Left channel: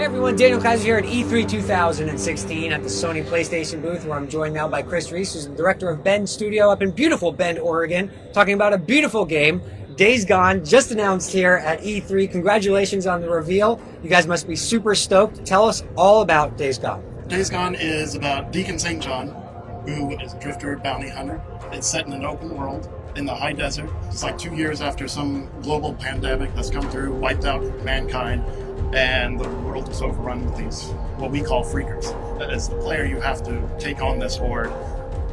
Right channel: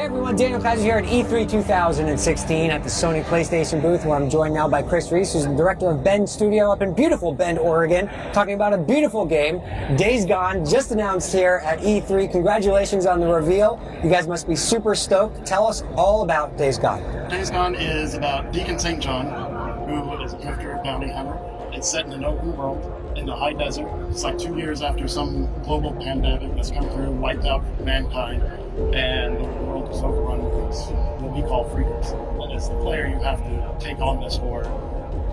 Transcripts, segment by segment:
Hey everyone, Daniel Kaiser here at E3 2016 at the Sony PlayStation booth, where I'm joined now by Reese, who's the director of Bend Studio up in beautiful Bend, Oregon, talking about a beautiful game, Days Gone, just announced here at E3. Congratulations on the reveal. You guys must be super stoked. Tell us all about Days Gone. Days Gone is about Deacon St. John, who is a drifter, bounty hunter. It's set in an open world in the high desert. It's like 2 years after some global pandemic that's come through, wiped out mankind, and the world is overrun with these, what we call freakers. As the player, you have to take on this horde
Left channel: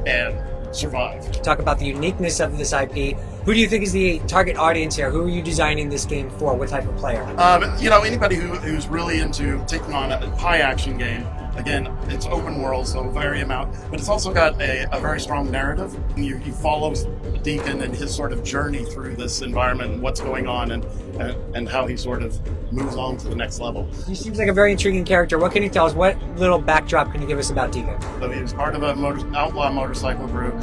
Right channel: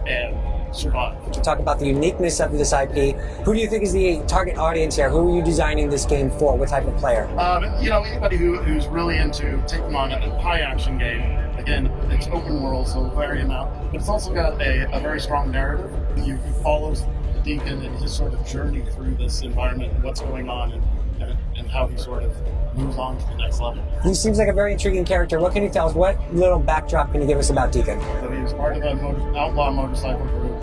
and survive. To talk about the uniqueness of this IP, who do you think is the target audience here? Who are you designing this game for? What type of player? Anybody who's really into taking on a high action game. Again, it's open world, so vary amount, but it's also got a very strong narrative. You follow Deacon and his sort of journey through this environment and what's going on and how he sort of moves on to the next level. He seems like a very intriguing character. What can you tell us? What little backdrop can you give us about Deacon? He was part of an outlaw motorcycle group.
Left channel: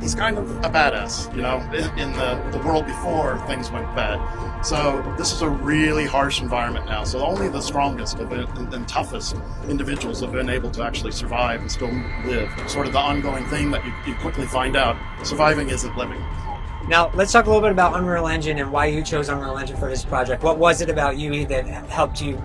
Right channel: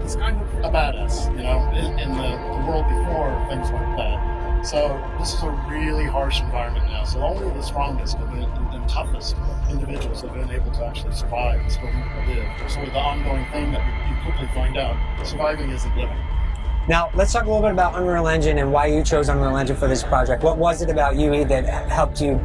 He's kind of a badass, in the world before things went bad. So this is a really harsh environment now. So only the strongest and toughest individuals have been able to actually survive and still live. Sort of the ongoing thing that you quickly find out, surviving isn't living. Now, let's talk a little bit about Unreal Engine and why you chose Unreal Engine for this project. What was it about UE that helped you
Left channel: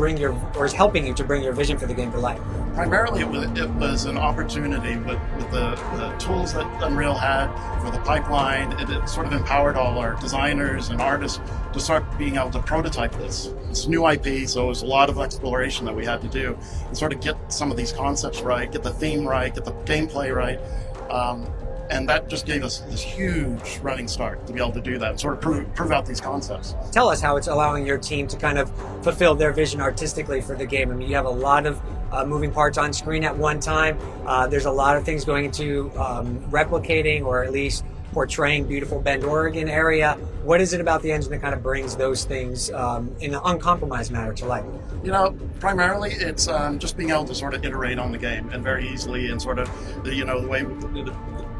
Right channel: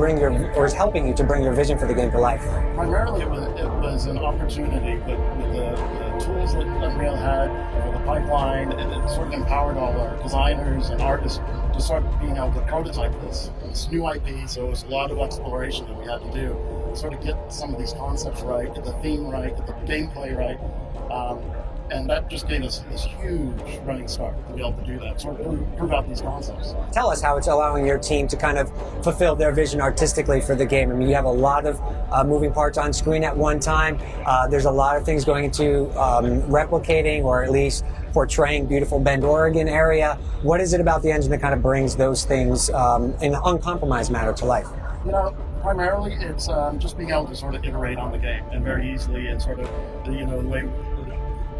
or is helping you to bring your vision for the game to life? Primarily, it was an opportunity with the tools that Unreal had for the pipeline. It sort of empowered all our designers and artists to start being able to prototype this. It's new IP, so it was a lot of exploration that we had to do and sort of get some of these concepts right, get the theme right, get the gameplay right. And that just gave us this huge running start to be able to do that, sort of prove out these concepts. Tell us how it's allowing your team to kind of fulfill their vision artistically for the game. I mean, you have a lot of moving parts on screen at one time. There's a lot of things going into replicating or at least portraying beautiful Bend, Oregon area. What is it about the engine that kind of brings those things in an uncompromised manner to life? Primarily it's just being able to sort of iterate on the game and very easily, and sort of the way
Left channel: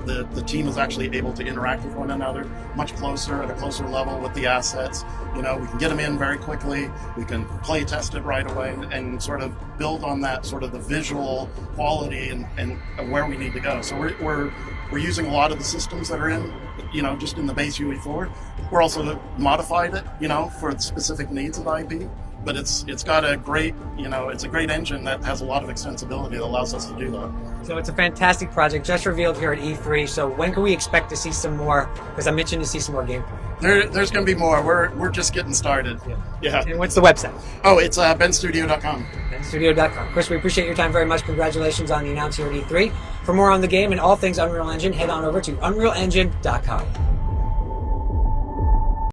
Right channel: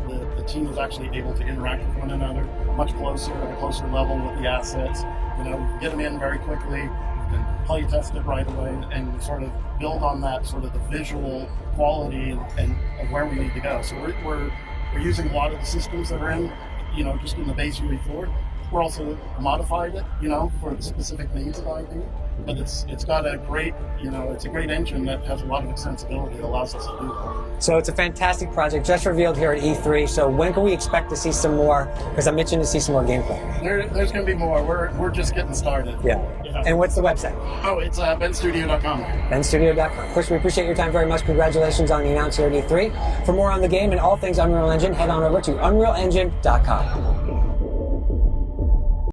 the team is actually able to interact with one another much closer, at a closer level with the assets. We can get them in very quickly, we can play test it right away and sort of build on that sort of the visual quality and where we need to go. So we're using a lot of the systems that are in, just in the base UE4. We're also modified it, for the specific needs of the IP. But it's got a great, it's a great engine that has a lot of extensibility that allows us to do that. So it's a fantastic project just revealed here at E3. So when can we expect to see some more? Because I'm itching to see some more gameplay. There's going to be more. We're just getting started. Yeah. And what's the website? Oh, it's benstudio.com. benstudio.com. Chris, we appreciate your time very much. Congratulations on the announcement here at E3. For more on the game and all things Unreal Engine, head on over to unrealengine.com.